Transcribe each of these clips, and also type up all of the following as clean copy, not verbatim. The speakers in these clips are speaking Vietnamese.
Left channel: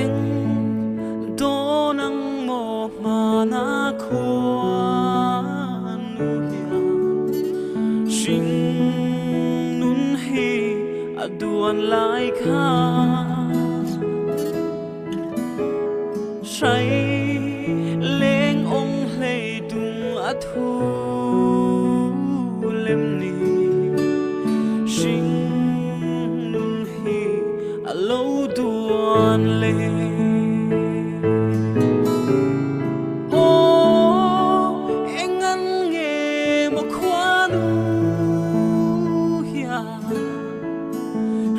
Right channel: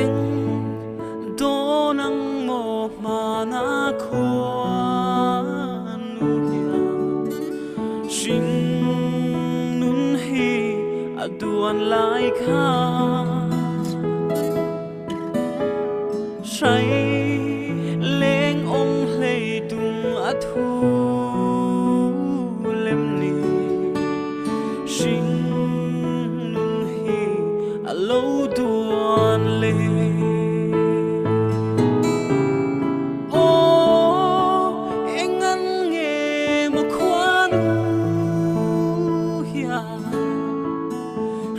eng donang mo mana khuan nu ya sing nun hi aduan lai kha say leng ong lei dung athu lem ni sing nun hi alo duan le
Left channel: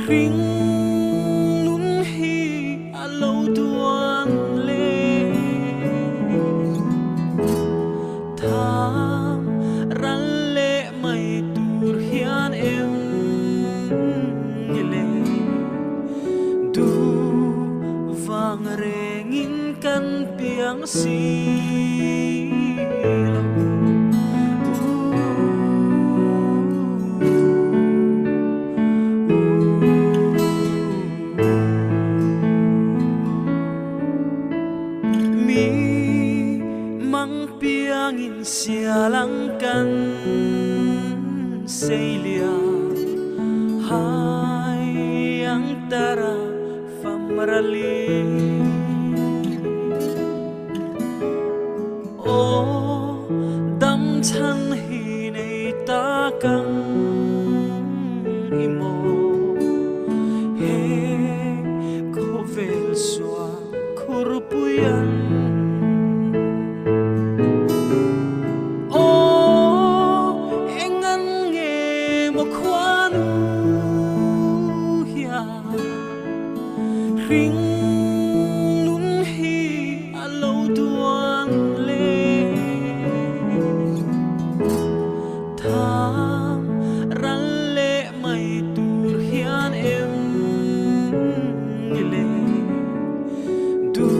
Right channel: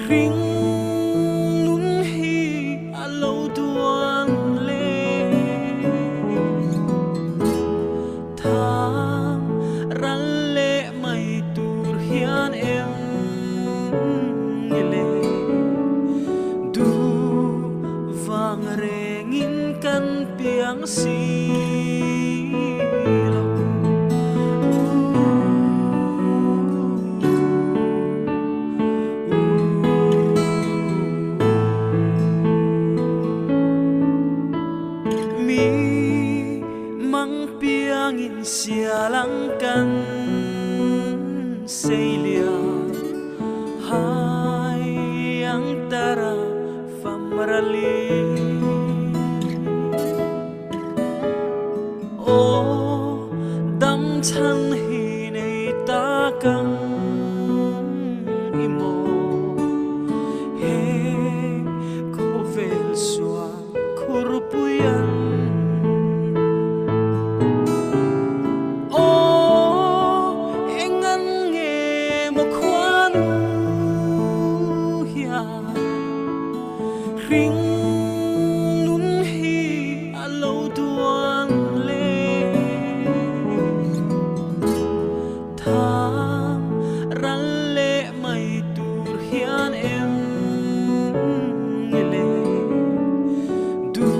ring nun hi alo duan le tham ran le mai tur hian em le du vang rengin kan piang si mang piang in sialang kan seilia hai ang tara famrali o dam chan hi nei ta kang imo he ko vel swa kurpuyan ring nun hi alo duan le tham ran le mai tur hian em le du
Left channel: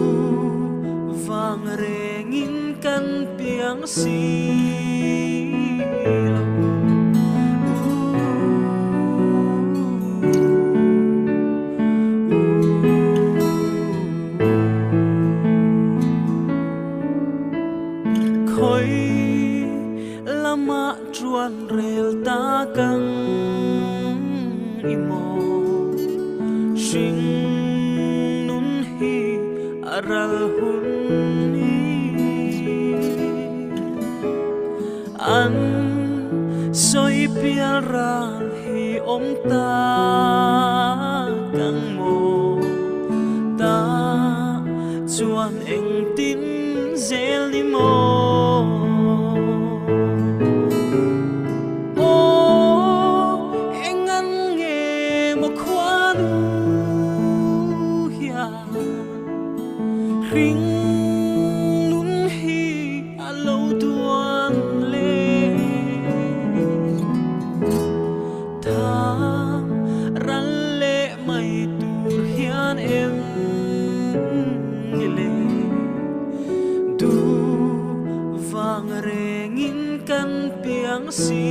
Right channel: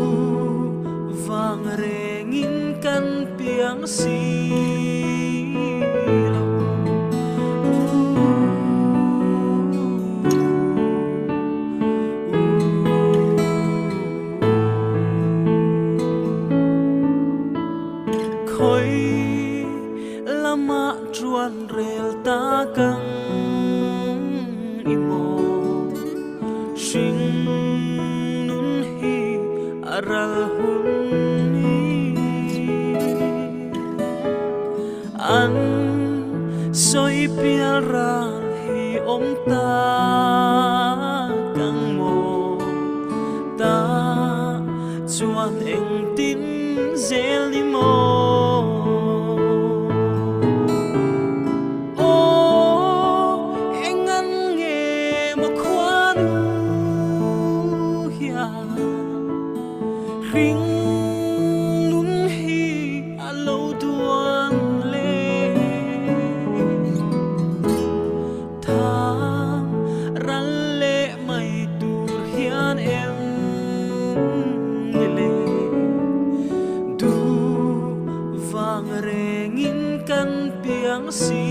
vang rengin kan piang si khoi lama chuan rel ta kang imo sing nun hi aral hun ni an soi pial ral hi om ta kang mo ta chuan eng tin zel ni mo engan nge mo khwanu ya ring nun hi alo duan le tham ran le mai tur hian em le du vang rengin kan piang si